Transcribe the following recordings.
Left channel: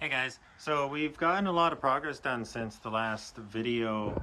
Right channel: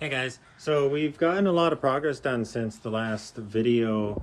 Hey guys, so we've gotten a lot of progress done since the last video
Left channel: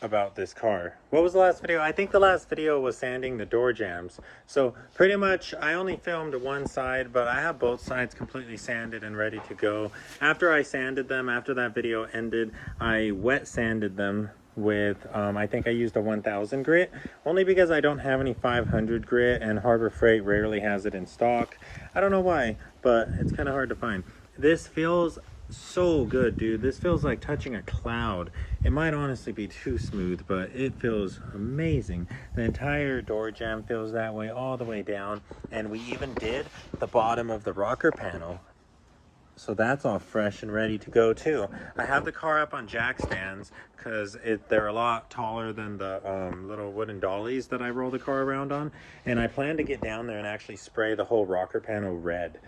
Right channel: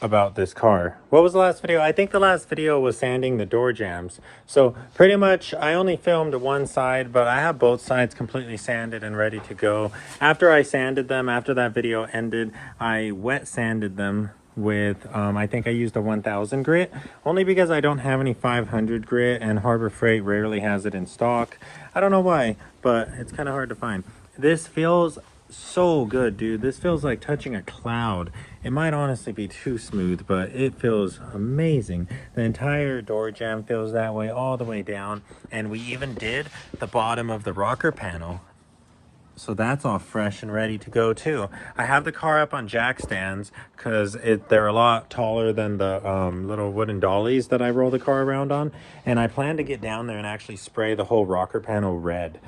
about this car. What was the last video? I think the last video was sanding the door jambs. So pretty much I only filmed one side, but I have both sides completely sanded and ready to go. After I sanded them, after that video ended, I wet sanded them with I think I used a 1000 grit, only because I don't have any 500 grit and Harbor Freight rarely has it in stock. I don't know why, but it's kind of hard to find. This feels so good, dude. This feels like touching a cloud. It might honestly be too smooth, but it feels amazing. The entire door jamb feels that way all the way down, and we even did the bottom of the rocker panel. So that's all fresh and ready to go too. I have the car up on jack stands because they're a lot taller than the little wooden dollies that I roll the car around on. And I plan to get down there and actually spray the whole rocker panel red.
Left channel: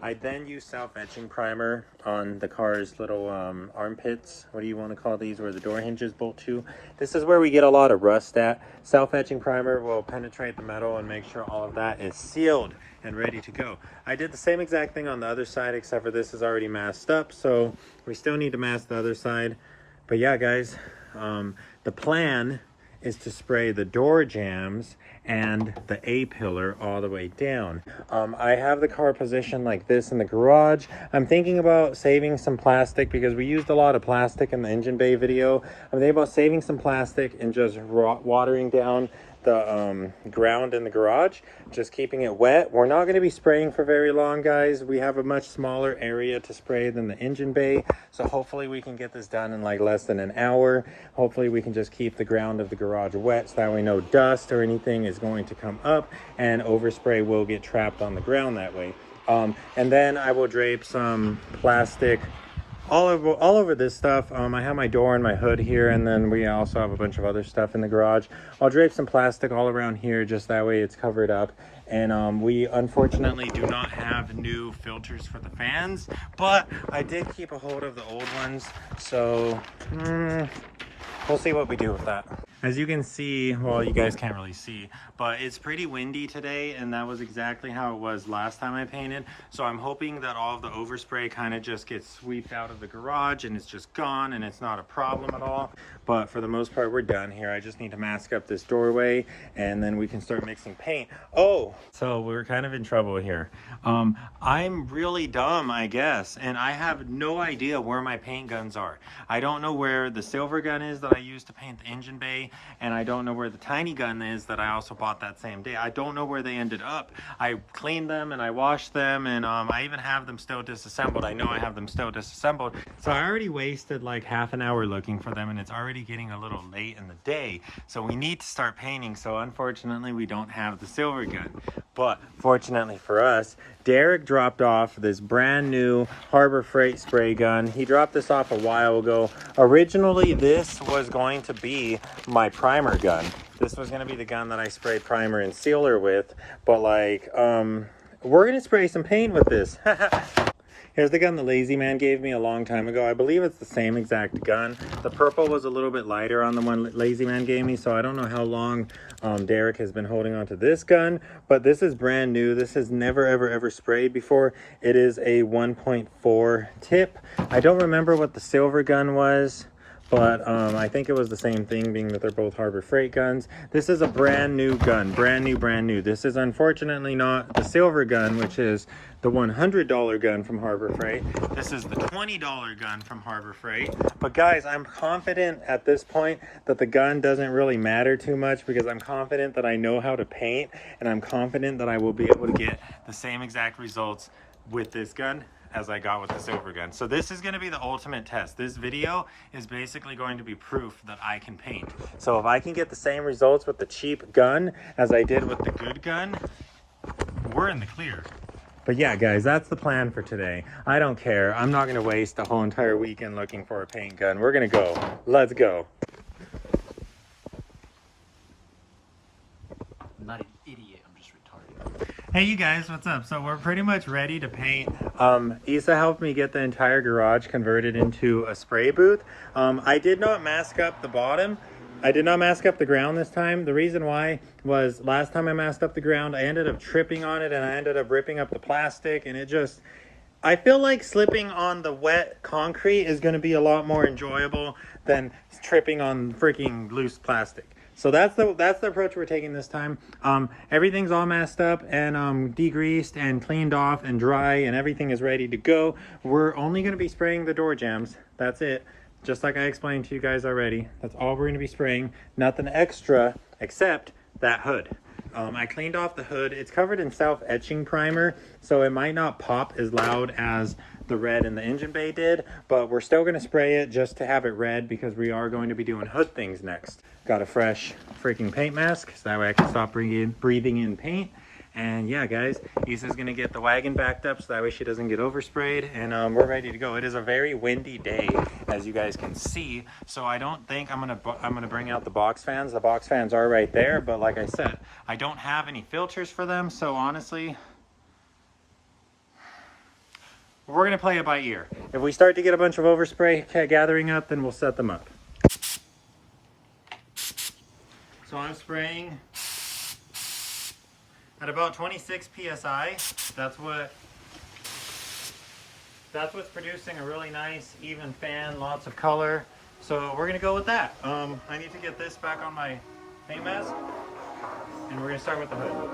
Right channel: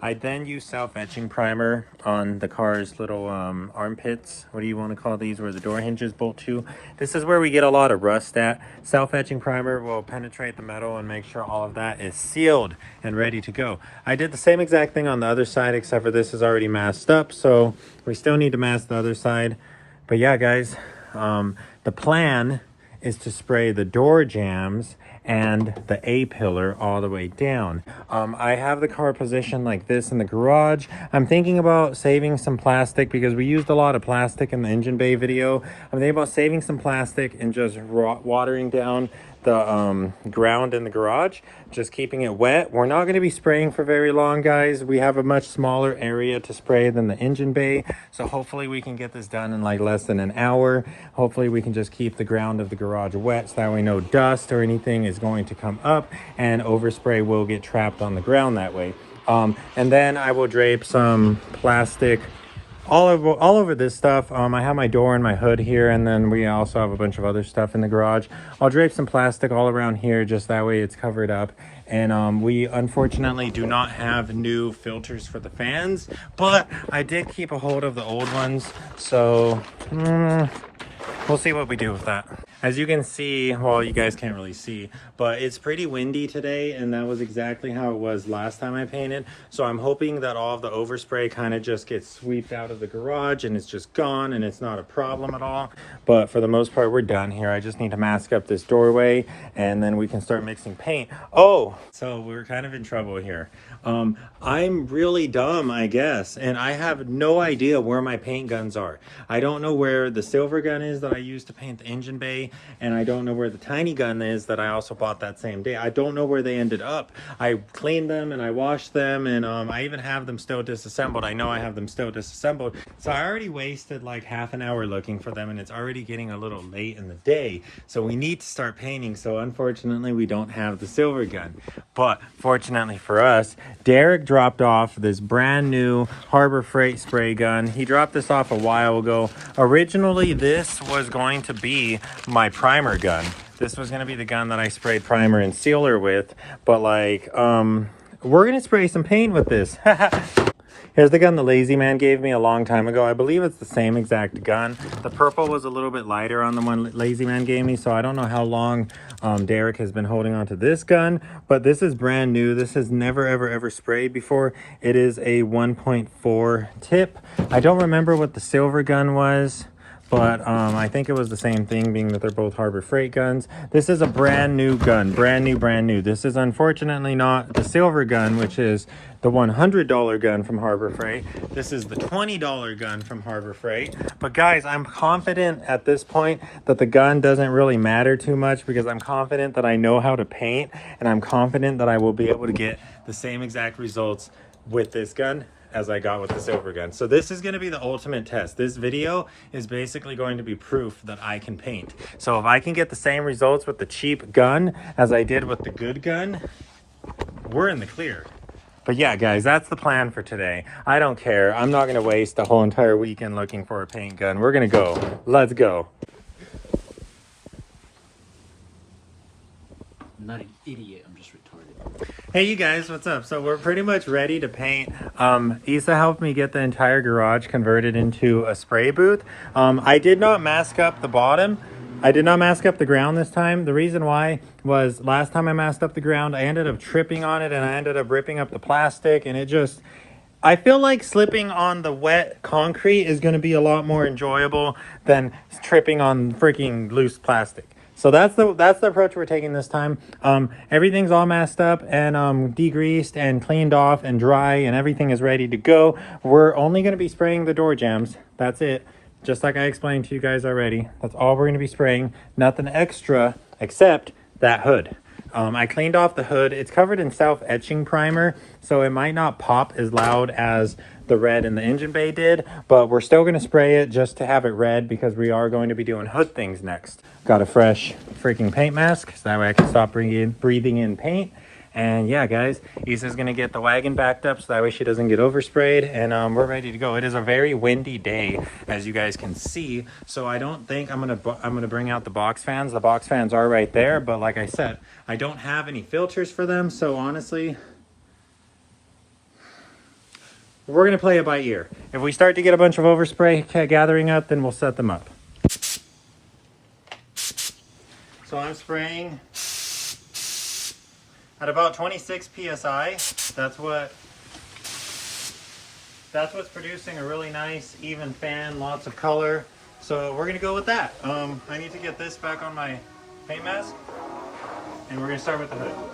I then use self-etching primer on the car's little armpits. What do you want to call these? Where the door hinges bolt to. This is where we get a lot of rust at. Self-etching primer will penetrate the metal and make sure all of that is sealed and ready to go. I did the same exact thing on the other side, except for this is already masked up, so we still need to mask the other side. But yeah, guys, the plan is to spray the door jambs and the A-pillar all the way down. I have the car positioned like this in the garage. I'm thinking about saving some plastic because we used a lot of plastic in the engine bay video. I'm thinking about saving some plastic and just watering down the ground in the garage, just keeping it wet. We're not going to be spraying for very long, guys. We have a much smaller area to spray than the engine bay, so hopefully we can get this done in like less than an hour. Hopefully we can just keep the ground of the garage wet so that way no dust or anything is going to come up and overspray will get trapped on the ground that way. And then I will drape some plastic all over this stuff. I have my door and my hood here, and then we also have a bunch of other stuff in the garage. I'll drape some plastic all around here, just that way it's covered up. And we unfortunately do not have new filters for the fans, but I did keep a hold of the old ones, so we'll see what we do with that. As you can see, well, you guys can't really see, but it's pretty windy today, and that was exactly how it was last time I painted. So I'm hoping that all of the overspray kind of just gets swept out of the garage and it's just gone and it's not a problem at all. But for the most part, we're done here. I just need to mask up this doorway and then we can start mixing paint. Oh, so we're kind of in trouble here. I'm really dumb, I guess, and I have no idea where my paint guns are. I don't know where the silver gun is that I used to paint the engine bay, and I don't know where the tiny gun is that I also bought that same day. I don't know where they ended up. I cleaned them and I washed them, and I even have them still disassembled. I know I have them still disassembled. So I already wasted like half an hour looking for them, and it's already getting a little late in the day. So we need to start painting. So unfortunately, we don't have the silver gun. But fortunately for us, Derek dropped off this brand new Harbor Freight spray gun. He dropped this off a while ago. Originally, this was going to be my primer gun. This was going to be the gun that I sprayed primer and sealer with. But like, we're going to spray some paint with this. Here's the gun the Lazy Man gave me a long time ago. I believe it's the same exact gun. The purple was a little bit lighter on the one Lazy Man gave me, so I don't know how long Derek has been holding on to this gun, but this is brand new. This has never ever sprayed before. It is a 1.4 tip. I don't remember what the silver gun was, but I think it was the same thing, being that they're both Harbor Freight guns. This is a brand new gun, brand new. This is unfortunately not the silver gun, which is the $100 gun from Harbor Freight. This is the $20 gun from Harbor Freight. But guys, I'm confident at this point that the gun doesn't really matter too much, because I'm confident that I know how to paint, and I'm confident that I will be able to get the same exact results with this gun as I got with the silver gun. So this is going to be the ultimate test. This video is basically going to be proof that I can paint. So if I can get the same results with the cheap gun as I did with the good gun, we're in the clear. But yeah, guys, that's the plan for today. I don't care. I'm not going to waste a whole entire weekend looking for a paint gun. We're going to go. Let's go. I'm not an idiot. I'm just retarded. Hey you guys, what's up? So we're pretty much ready to paint. Isa helped me get the entire garage converted into a spray booth. I did not mask up the bottom. I did not mask up the ground this time. The reason why was last time I masked up the ground, I ended up tripping on it and I ended up ripping up the plastic, and I feel like slipping on the wet concrete is going to be a lot more enjoyable than tripping on freaking loose plastic. So that's the approach we're taking this time. Everything's all messed up and degreased and cleaned off and dry, and everything is ready to go. We're only going to be spraying the door jambs. That's it. Just like I explained to you guys already. That's all we're going to be spraying. Nothing extra except that hood. I cleaned off the hood. It's covered in self-etching primer, so it might not pop as loud as the red in the engine bay did, but we're still going to spray it just to have it red because we are going to be doing hood things next. Got a fresh freaking paint mask, so that way I can stop breathing in paint. And yeah, guys, Issa's going to get the wagon backed up so that way she doesn't get oversprayed, and we're ready to go. It is a very windy day, as you guys can see, so I don't think I'm going to bring out the box fans. The box fans are right there, but like I said, I don't have any filters for them, so honestly, we're going to play it by ear. If we start to get a bunch of overspray gathering up, then we'll set them up. So I'm spraying at about 26 psi. That's what's producing a really nice even fan, lots of color. So we're gonna go with that. I need to get this back on my paint mask, and we're gonna start with the hood.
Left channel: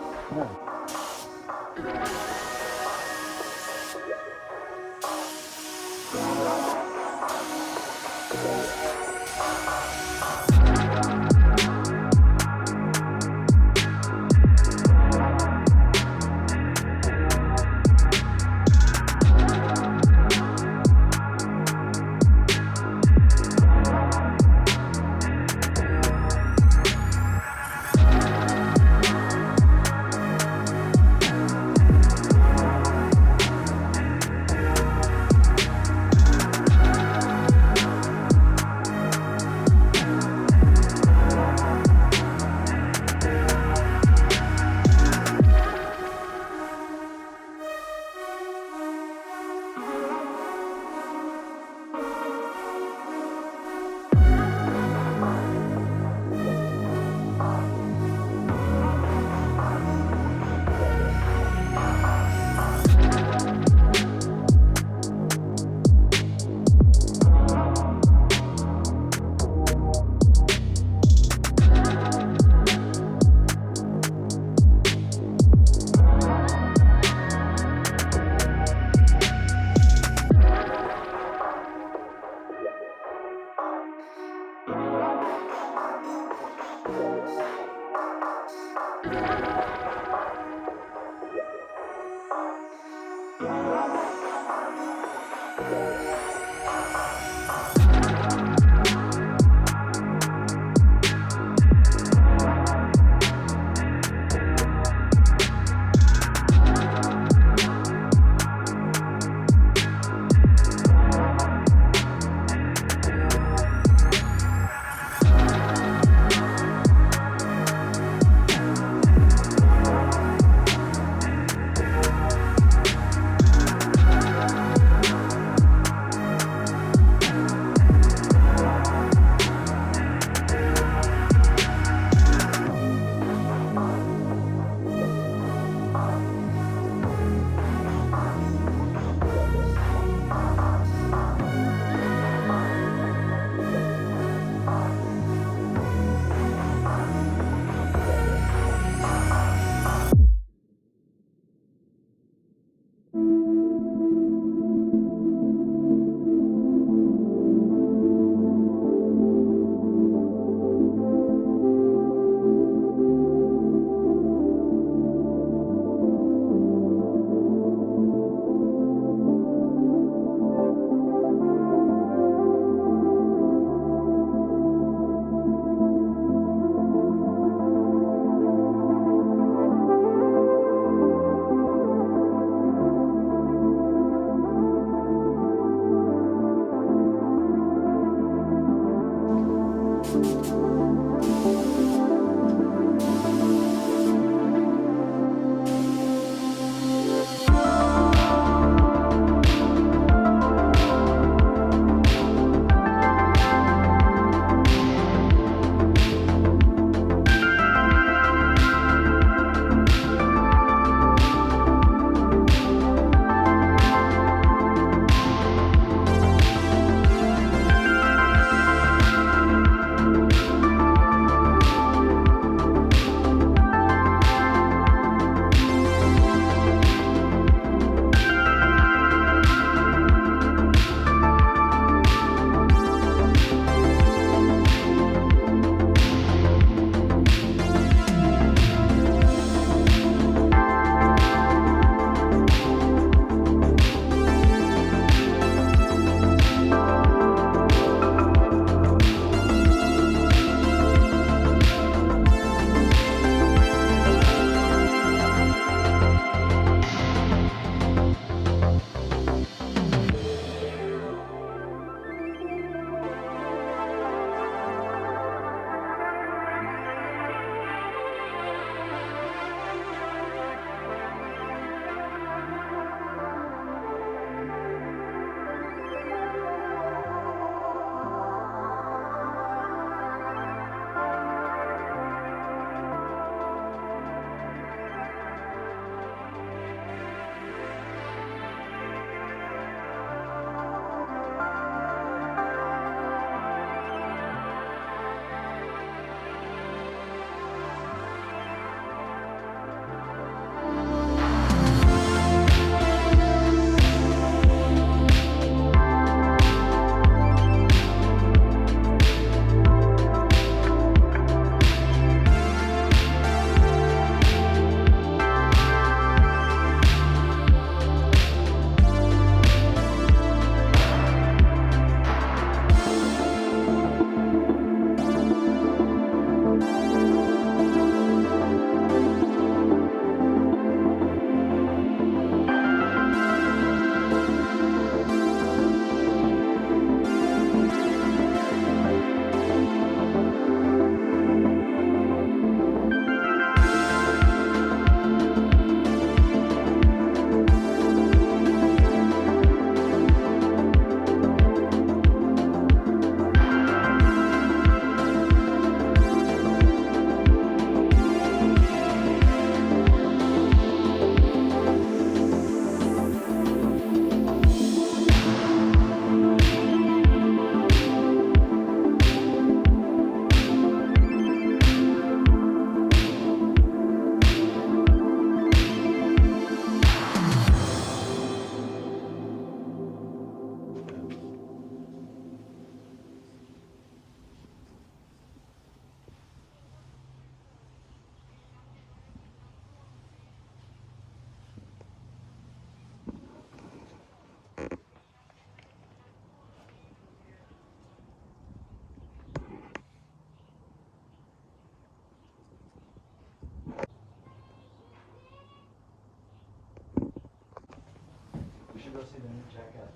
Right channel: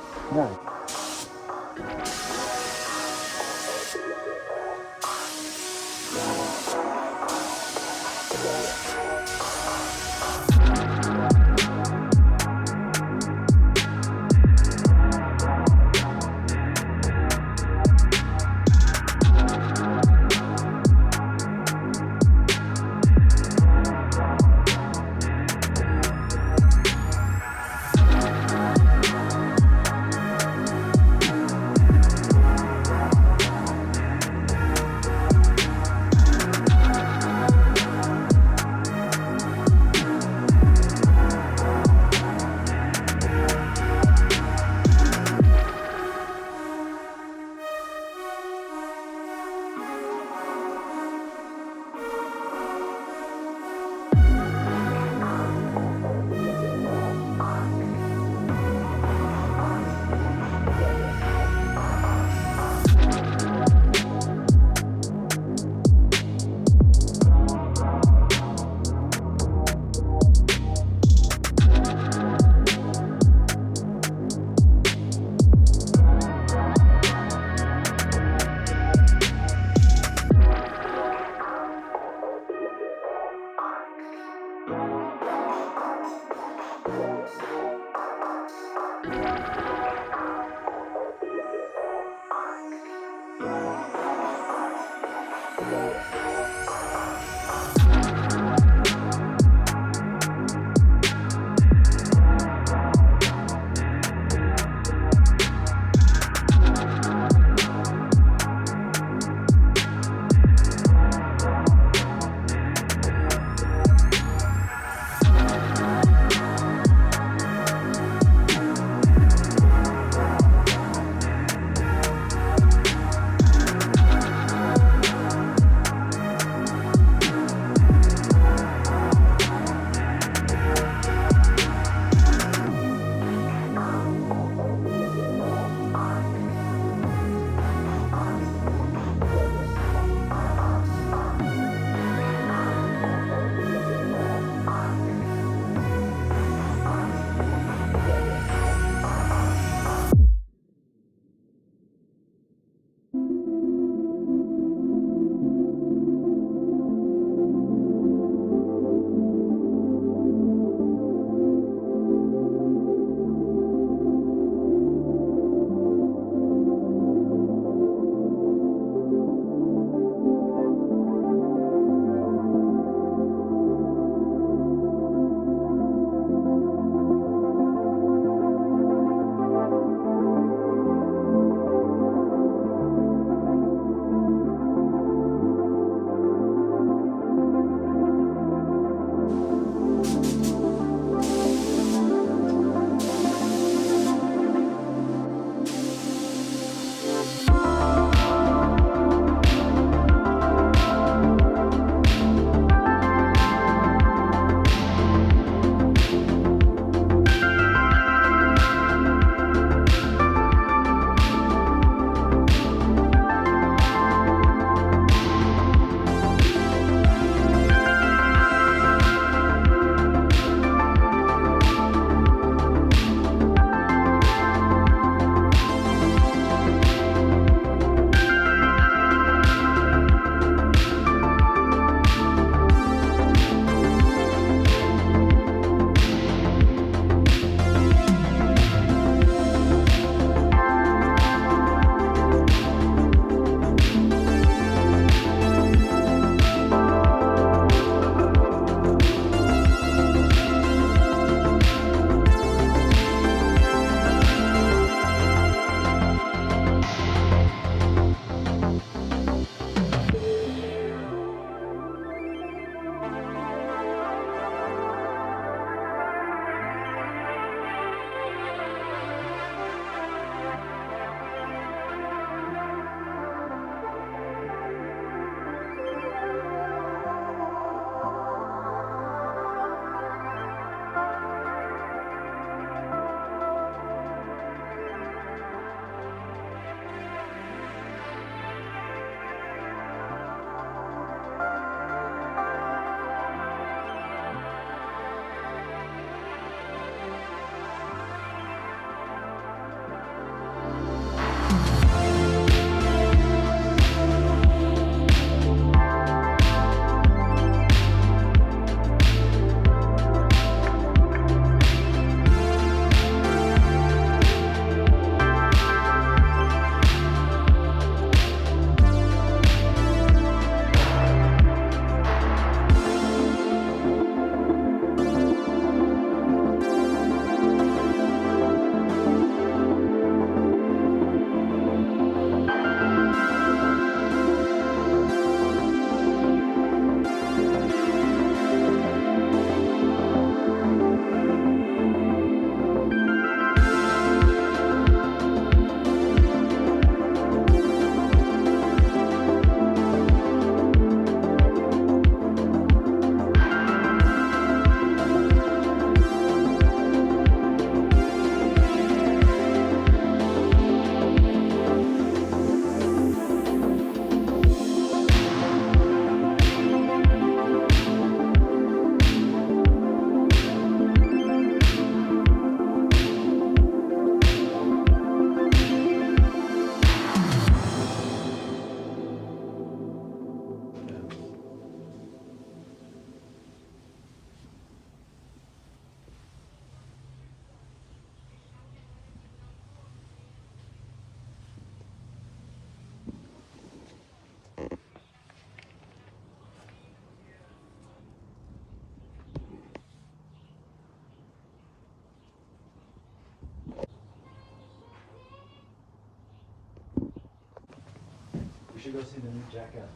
go see the new Jackass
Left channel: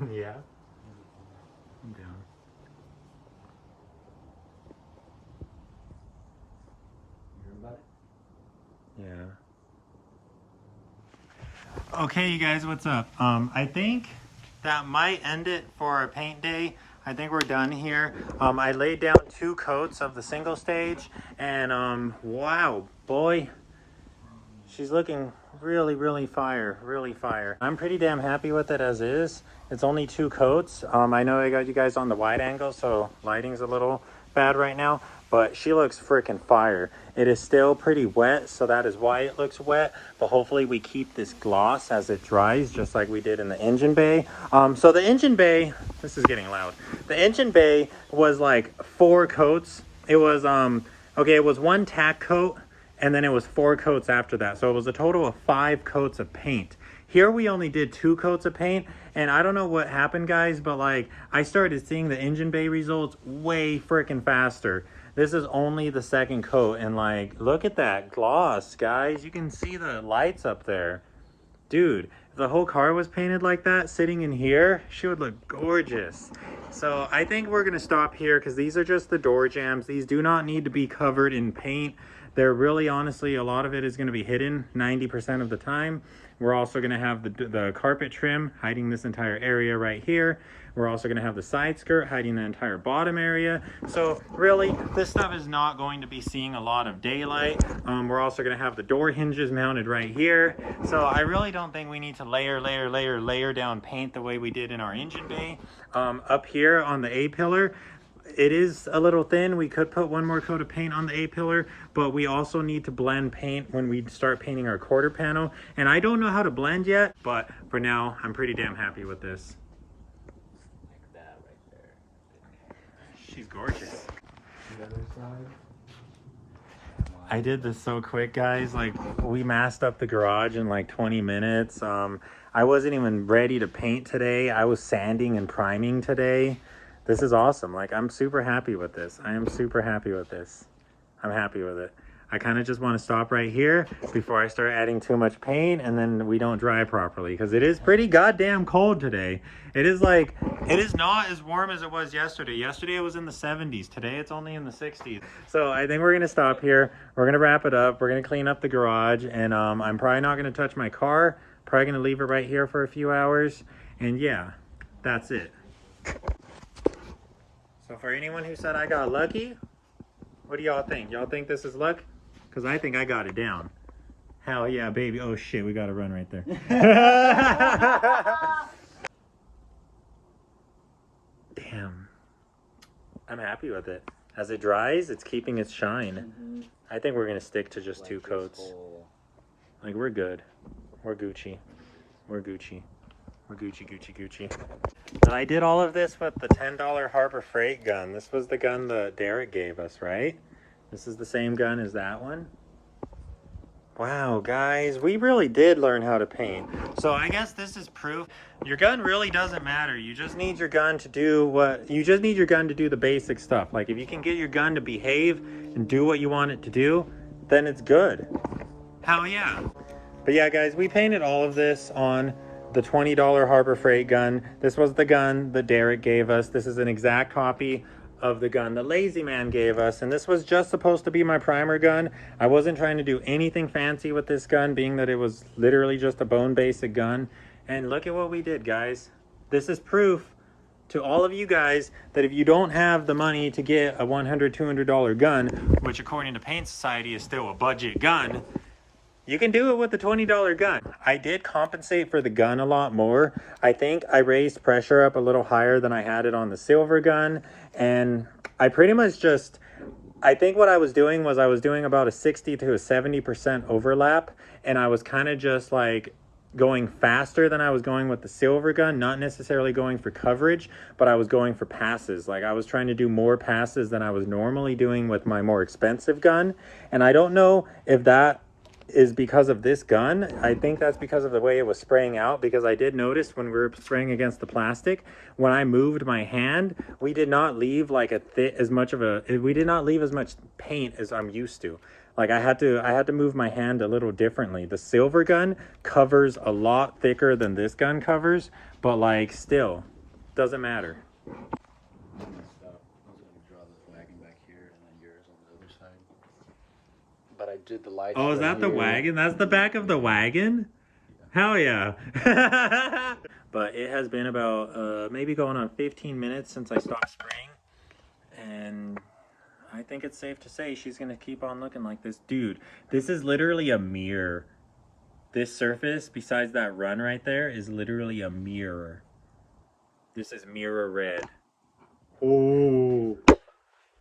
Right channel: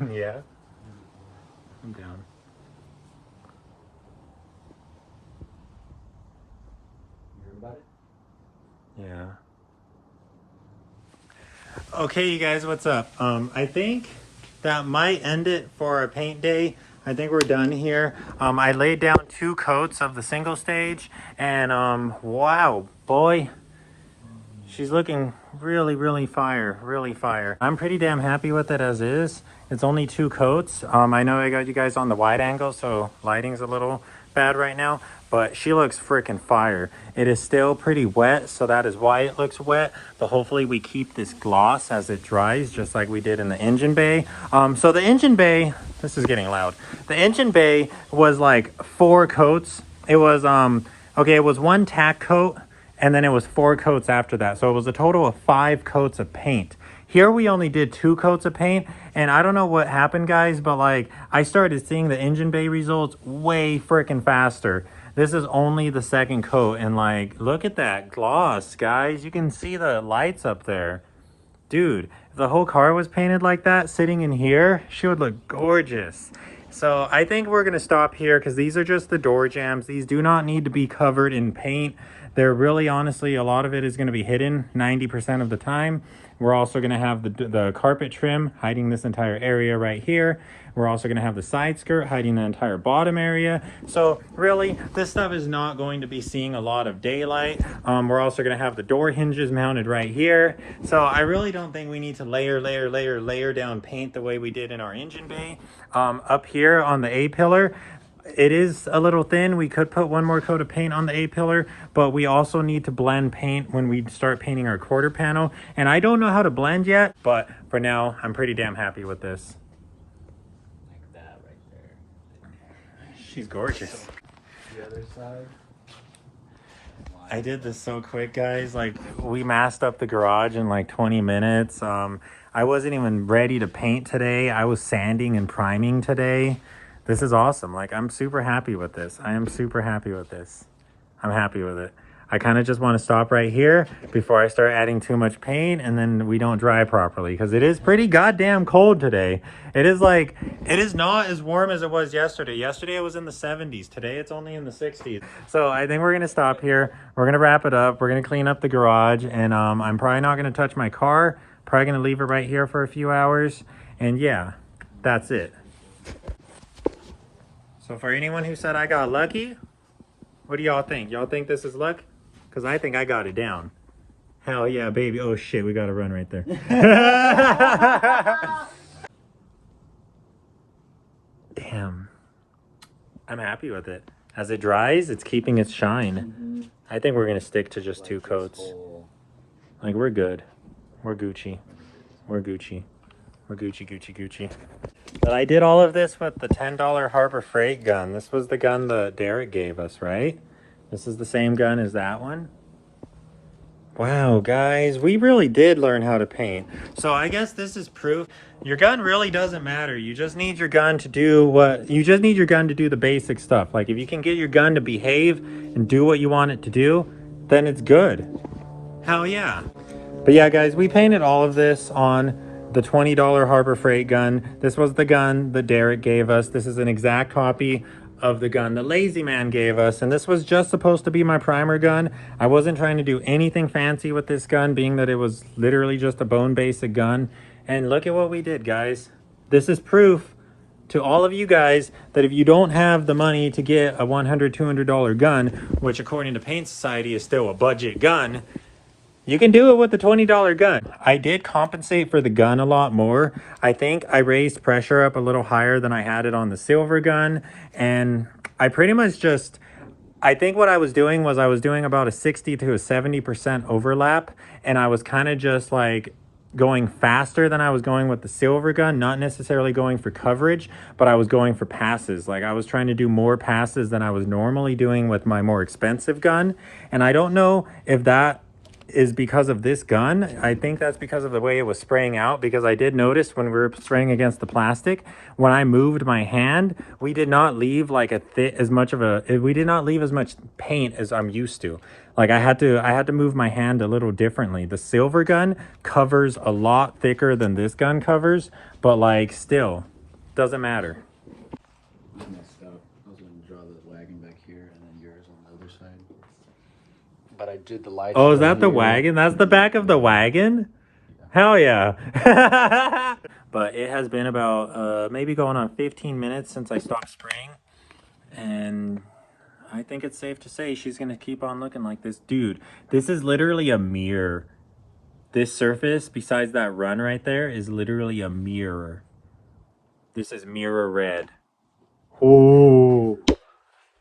movie. Yeah, I'm down. You heard about it? Yeah. Okay, you guys, what's up? I think that might end it for our paint day. I think we're done here. I laid down 2 coats of the single stage, and wow, boy, she's looking really fire, really fire. I'm pretty damn happy with it as is. It's only 2 coats. I know I got you guys on the wide angle, so lighting's a little bad right now, but she looks freaking fire. It is still pretty wet, so that is why it looks wet, but hopefully we keep this gloss as it dries, just like we did in the engine bay. So the engine bay, this is getting loud. The engine bay was like 4 coats. It was, okay, it was 1 tack coat, and then it was 4 coats after that. So it was a total of 5 coats of paint. Here we only did 2 coats of paint, and I don't know what happened, guys, but like I started seeing the engine bay results way freaking faster. This is only the 2nd coat, and like, look at that gloss, guys. You can see the lights up there. Dude, if the whole car was painted like that, sitting in here, she would look gorgeous. So I think we're gonna stop here because these are just the door jambs. These do not need to be covered in paint. They're really, honestly, a lot of it is gonna be hidden 90% of the time. We're also gonna have the carpet trim hiding this entire area right here. We're also gonna have the side skirt hiding the entire bottom area. So really, this stuff is not going to be seeing a lot of daylight. We're also gonna have the door hinges mounted right here. So I really don't think we need to layer down paint the way we did in our engine bay. Up here on the A-pillar, it is a little thin. We could put 1 more coat of paint on the A-pillar, but we also need to blend paint when we start painting our quarter panel. And I don't know how to blend yet, but for now, I'm pretty damn happy with this. That right there. She's gorgeous. The other side. I did this so quick, guys. Like, we masked up the garage in like 20 minutes. I wasn't even ready to paint today. I was sanding and priming today. This is awesome. Like, I'm super happy with this. I am super happy with this. I'm happy with it. I kind of just want to stop right here before I start adding too much paint and then we don't dry properly, because it is pretty goddamn cold today. It is like, it is not as warm as it was yesterday. Yesterday it was in the 70s. Today it's only in the 60s. So I think we're going to stop here. We're going to wrap it up. We're going to clean up the garage, and I'm probably not going to touch my car. Probably going to leave it right here for a few hours. And yeah, that's it. So for anyone who said I got lucky, what do y'all think? Y'all think this is luck? Because I think I got it down. Hell yeah, baby. Oh shit, we got to run right there. Damn. I'm happy with it. As it dries, it's keeping its shine. I think we're going to stick to just 2 coats. Like, we're good. We're Gucci. We're Gucci. We're Gucci. But I did all of this with the $10 Harbor Freight gun. This was the gun that Derek gave us, right? This is the same gun as that one. Wow, guys, we really did learn how to paint. So I guess this is proof. Your gun really doesn't matter. You just need your gun to do the basic stuff. Like, if you can get your gun to behave and do what you want it to do, then it's good. Hell yeah. But yeah, guys, we painted all of this on the $20 Harbor Freight gun. This was the gun that Derek gave us. This is an exact copy of the gun that Lazy Man gave us, and this was just supposed to be my primer gun. I wasn't trying to do anything fancy with this gun, being that it was literally just a bone basic gun. And look at what we did, guys. This is proof to all of you guys that if you don't have the money to get a $100, $200 gun, which according to Paint Society is still a budget gun, you can do it with the $20 gun. I did compensate for the gun a lot more. I think I raised pressure up a little higher than I had it on the silver gun. And I pretty much just, I think what I was doing was I was doing about a 60 to a 70% overlap. And I was kind of just like going faster than I was going with the silver gun, not necessarily going for coverage, but I was going for passes. Like, I was trying to do more passes than I was normally doing with my more expensive gun. And I don't know if that is because of this gun. I think that's because of the way it was spraying out, because I did notice when we were spraying against the plastic, when I moved my hand, we did not leave like we did not leave as much paint as I'm used to. Like I had to move my hand a little differently. The silver gun covers a lot thicker than this gun covers, but like still doesn't matter. I messed up. I was gonna draw the wagon back here and then yours on the other side. But I did the lights. Oh, is right that the here. wagon? That's the back of the wagon? Hell yeah. But it has been about maybe going on 15 minutes since I stopped spraying. And I think it's safe to say she's going to keep on looking like this. Dude, this is literally a mirror. This surface, besides that run right there, is literally a mirror. This is mirror red. Oh,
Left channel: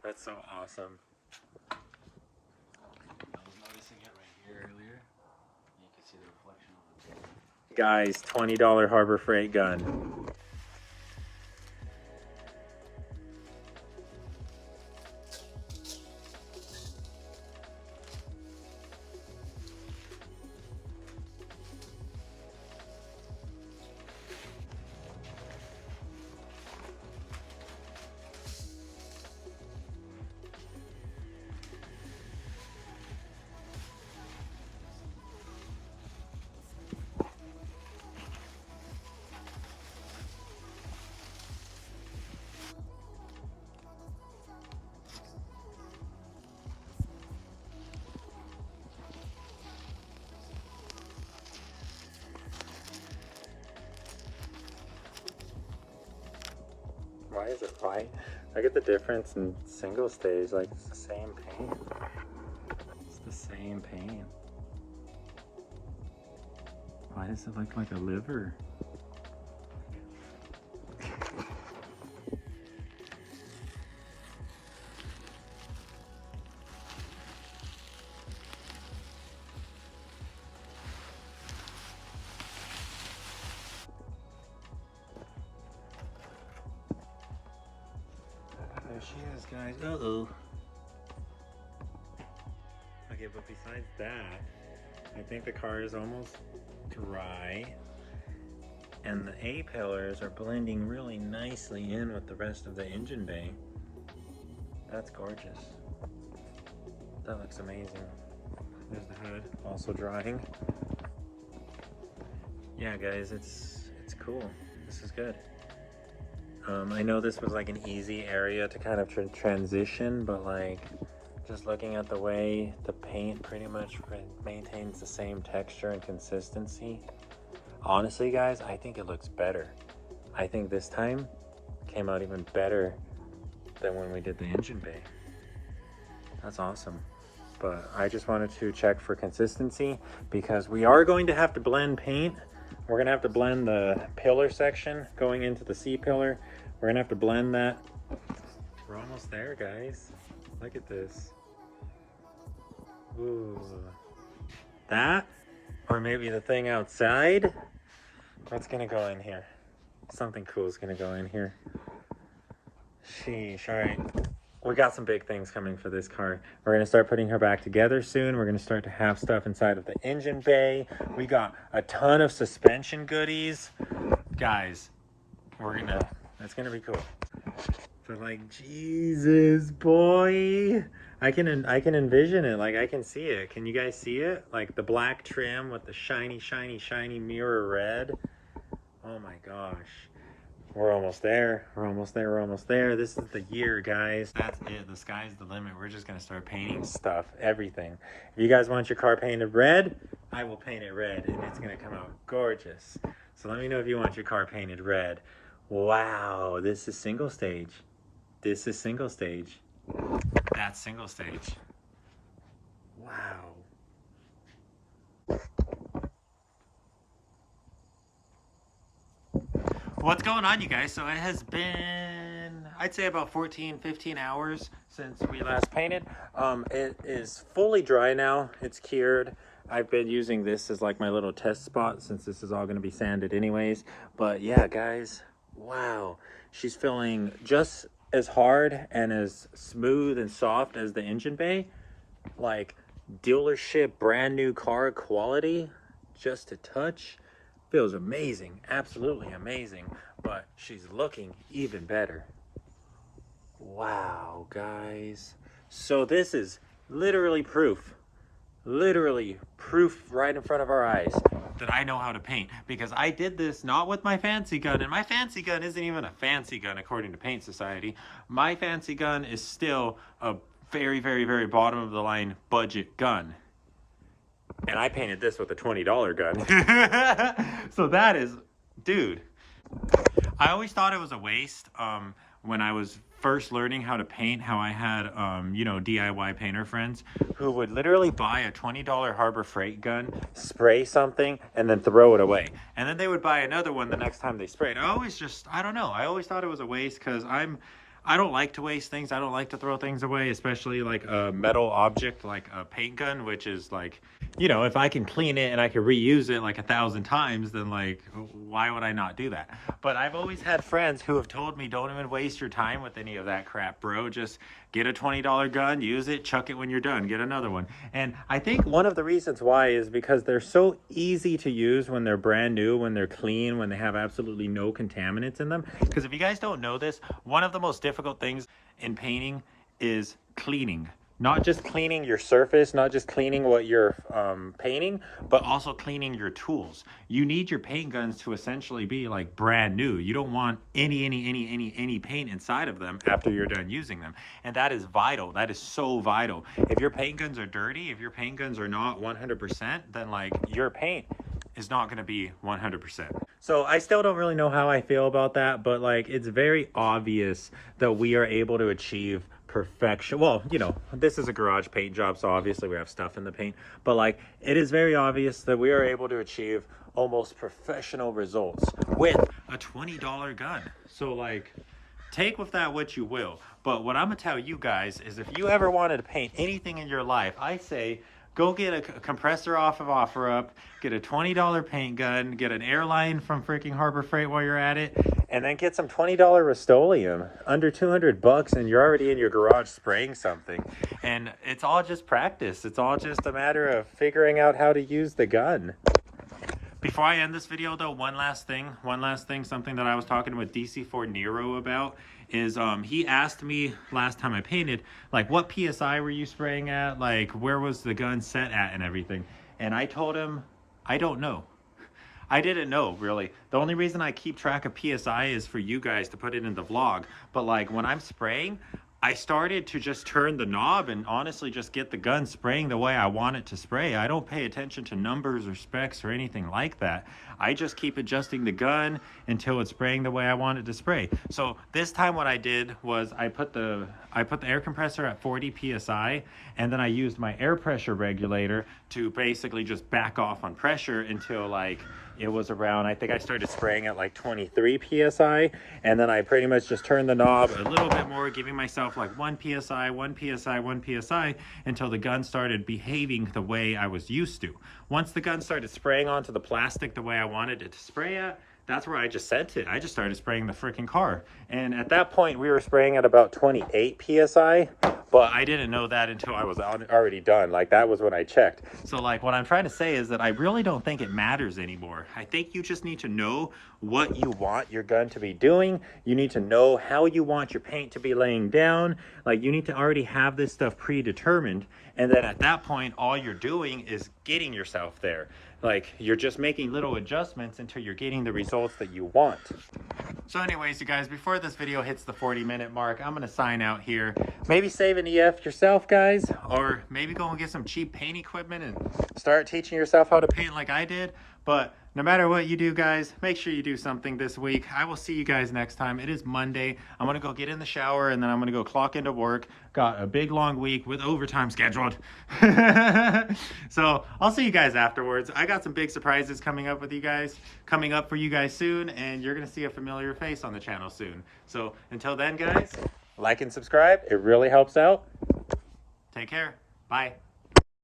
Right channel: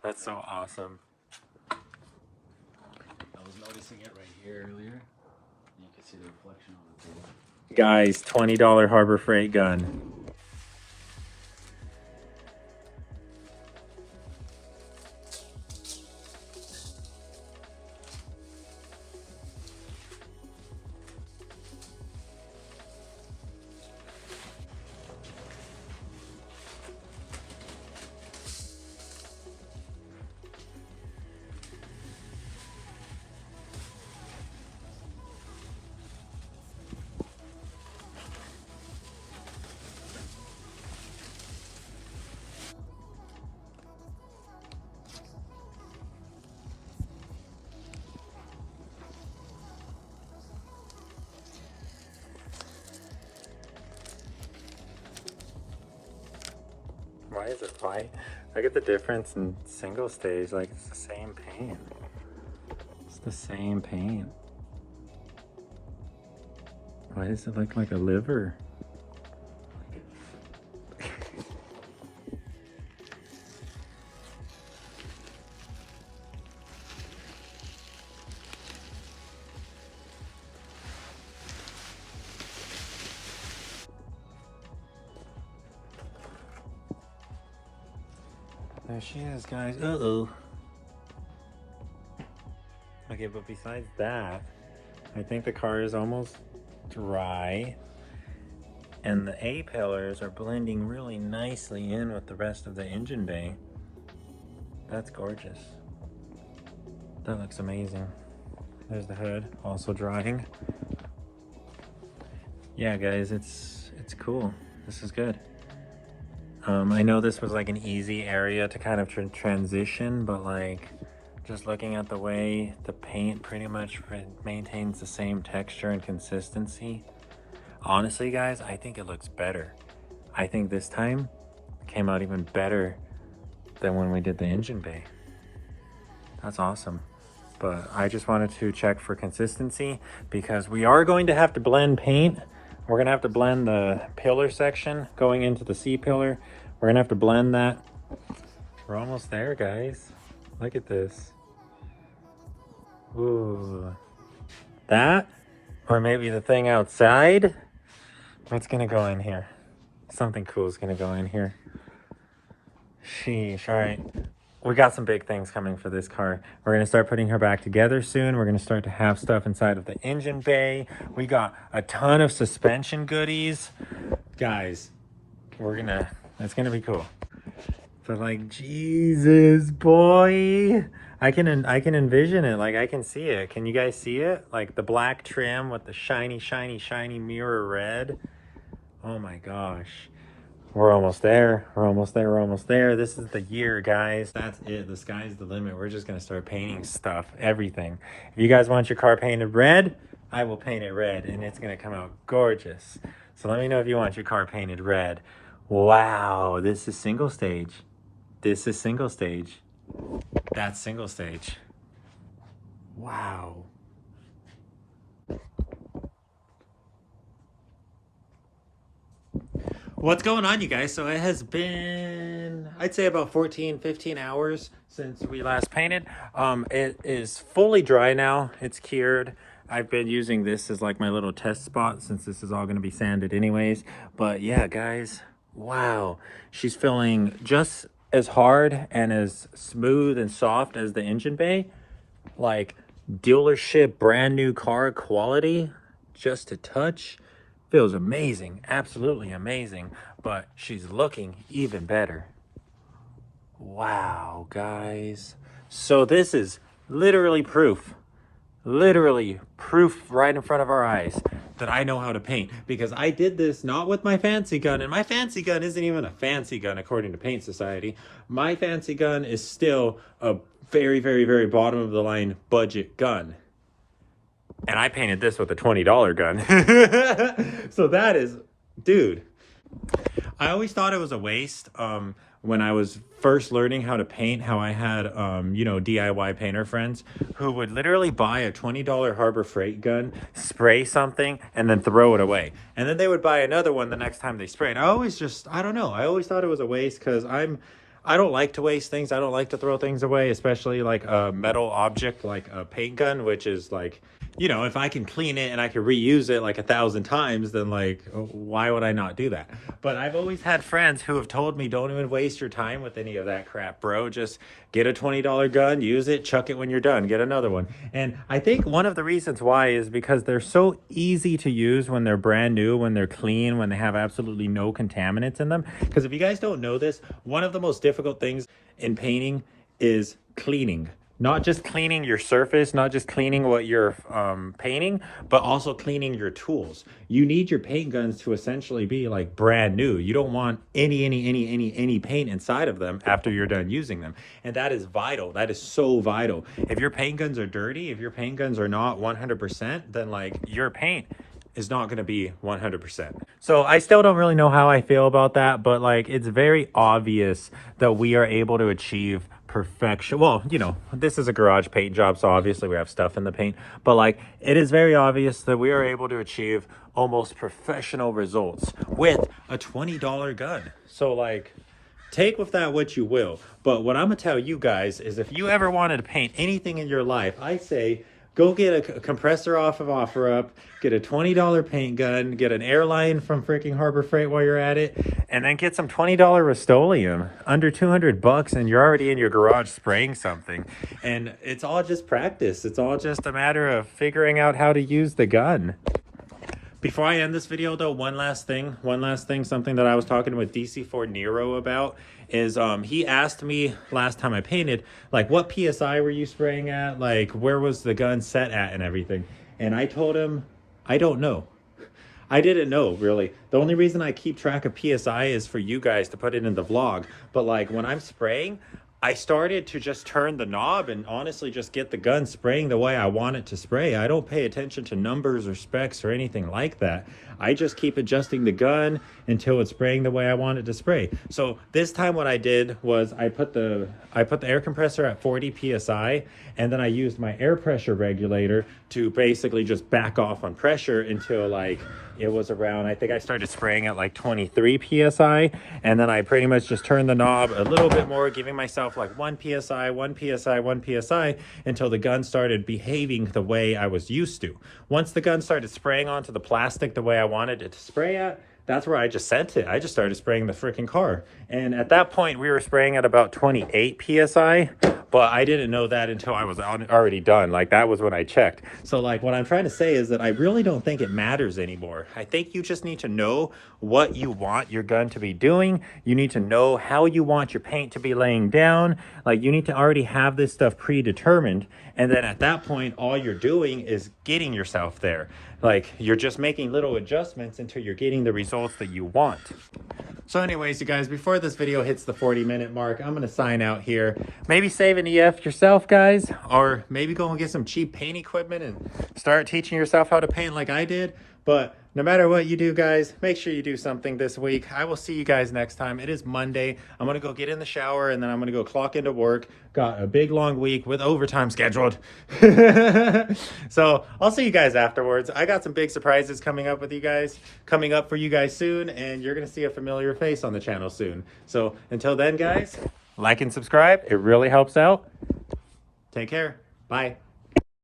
that's so awesome. I was noticing it right here earlier. You can see the reflection on the thing. Guys, $20 Harbor Freight gun. Why is it white? I get the difference in single stage, like it's the same paint. It's the same paint. Why does it look like a liver? There she is, guys. Uh-oh. Okay, but besides that, I think the car is almost dry. And the A-pillars are blending really nicely in with the rest of the engine bay. That's gorgeous. That looks amazing. There's the hood, also drying. Yeah, guys, it's cool. This is good. I know this was like an easy area to kind of transition, but like just looking at the way the paint pretty much maintains the same texture and consistency. Honestly, guys, I think it looks better. I think this time came out even better than when we did the engine bay. That's awesome. But I just wanted to check for consistency because we are going to have to blend paint. We're gonna have to blend the pillar section going into the C-pillar. We're gonna have to blend that. We're almost there, guys. Look at this. Ooh. That, or maybe the thing outside. What's gonna go in here? Something cool is gonna go in here. Sheesh, all right. We got some big things coming for this car. We're gonna start putting her back together soon. We're gonna start to have stuff inside of the engine bay. We got a ton of suspension goodies. Guys, it's gonna be cool. But like, Jesus, boy. I can envision it, like I can see it. Can you guys see it? Like the black trim with the shiny, shiny, shiny mirror red. Oh my gosh. We're almost there. We're almost there. We're almost there. This is the year, guys. That's it. The sky's the limit. We're just going to start painting stuff, everything. If you guys want your car painted red, I will paint it red, and it's going to come out gorgeous. So let me know if you want your car painted red. Wow, this is single stage. This is single stage. That's single stage. Wow. What's going on, you guys? So it has been, I'd say about 15 hours since we last painted. It is fully dry now. It's cured. I've been using this as like my little test spot since this is all going to be sanded anyways. But yeah, guys, wow. She's feeling just as hard and as smooth and soft as the engine bay. Like, dealership brand new car quality, just a touch. Feels amazing, absolutely amazing, but she's looking even better. Wow, guys. So this is literally proof right in front of our eyes that I know how to paint, because I did this not with my fancy gun, and my fancy gun isn't even a fancy gun according to Paint Society. My fancy gun is still a very, very, very bottom of the line budget gun. And I painted this with a $20 gun. So that is, dude, I always thought it was a waste when I was first learning how to paint, how I had, you know, DIY painter friends who would literally buy a $20 Harbor Freight gun, spray something, and then throw it away. And then they would buy another one the next time they spray. And I always just, I don't know, I always thought it was a waste because I don't like to waste things. I don't like to throw things away, especially like a metal object like a paint gun, which is like, you know, if I can clean it and I can reuse it like 1,000 times, then like, why would I not do that? But I've always had friends who have told me, don't even waste your time with any of that crap, bro. Just get a $20 gun, use it, chuck it when you're done, get another one. And I think one of the reasons why is because they're so easy to use when they're brand new, when they're clean, when they have absolutely no contaminants in them. Because if you guys don't know this, one of the most difficult things in painting is cleaning. Not just cleaning your surface, not just cleaning what you're painting, but also cleaning your tools. You need your paint guns to essentially be like brand new. You don't want any paint inside of them after you're done using them. And that is vital. That is so vital. If your paint guns are dirty, if your paint guns are not 100%, then like your paint is not going to be 100%. So I still don't really know how I feel about that, but like it's very obvious that we are able to achieve perfection. Well, you know, this is a garage paint job, so obviously we have stuff in the paint, but like it is very obvious that we are able to achieve almost professional results with a $20 gun. So like, take with that what you will. But what I'm gonna tell you guys is if you ever wanted to paint anything in your life, I say go get a compressor off of OfferUp, get a $20 paint gun, get an airline from freaking Harbor Freight while you're at it, and then get some $20 Rust-Oleum, under 200 bucks, and you're already in your garage spraying something. And it's all just practice. It's all just a matter of figuring out how to use the gun. Before I end this video though, one last thing, something that I was talking with DC4 Nero about is he asked me last time I painted, like, what PSI were you spraying at? Like, where was the gun set at and everything? And I told him, I don't know. I didn't know, really. The only reason I keep track of PSI is for you guys to put it in the vlog. But like when I'm spraying, I started to just turn the knob and honestly just get the gun spraying the way I want it to spray. I don't pay attention to numbers or specs or anything like that. I just keep adjusting the gun until it's spraying the way I want it to spray. So this time what I did was I put the air compressor at 40 PSI, and then I used my air pressure regulator to basically just back off on pressure until like it was around, I think I started spraying at like 23 PSI, and then I pretty much just turned the knob a little bit more, giving myself like 1 PSI, 1 PSI, 1 PSI, until the gun started behaving the way I was used to. Once the gun started spraying onto the plastic the way I wanted it to spray at, that's where I just sent it. I just started spraying the freaking car. And at that point, we were spraying at about 28 PSI, but I didn't know that until I was already done. Like, that was when I checked. So, like, what I'm trying to say is that I really don't think it matters anymore. I think you just need to know what you want your gun to be doing. You need to know how you want your paint to be laying down. Like, you need to already have this stuff predetermined. And then at that point, all you're doing is getting yourself there. Like, you're just making little adjustments until you're getting the results that you want. So anyways, you guys, before this video hits the 40-minute mark, I'm gonna sign out here. Maybe save an EF yourself, guys, or maybe go and get some cheap paint equipment and start teaching yourself how to paint like I did. But no matter what you do, guys, make sure you do something this week. I will see you guys next time. It is Monday. I'm gonna go get in the shower, and then I'm gonna go clock into work. Got a big long week with overtime scheduled. So I'll see you guys afterwards. I got some big surprises coming up for you guys soon, and you're gonna see a familiar face on the channel soon. So until then, guys, like and subscribe. It really helps out. Take care. Bye.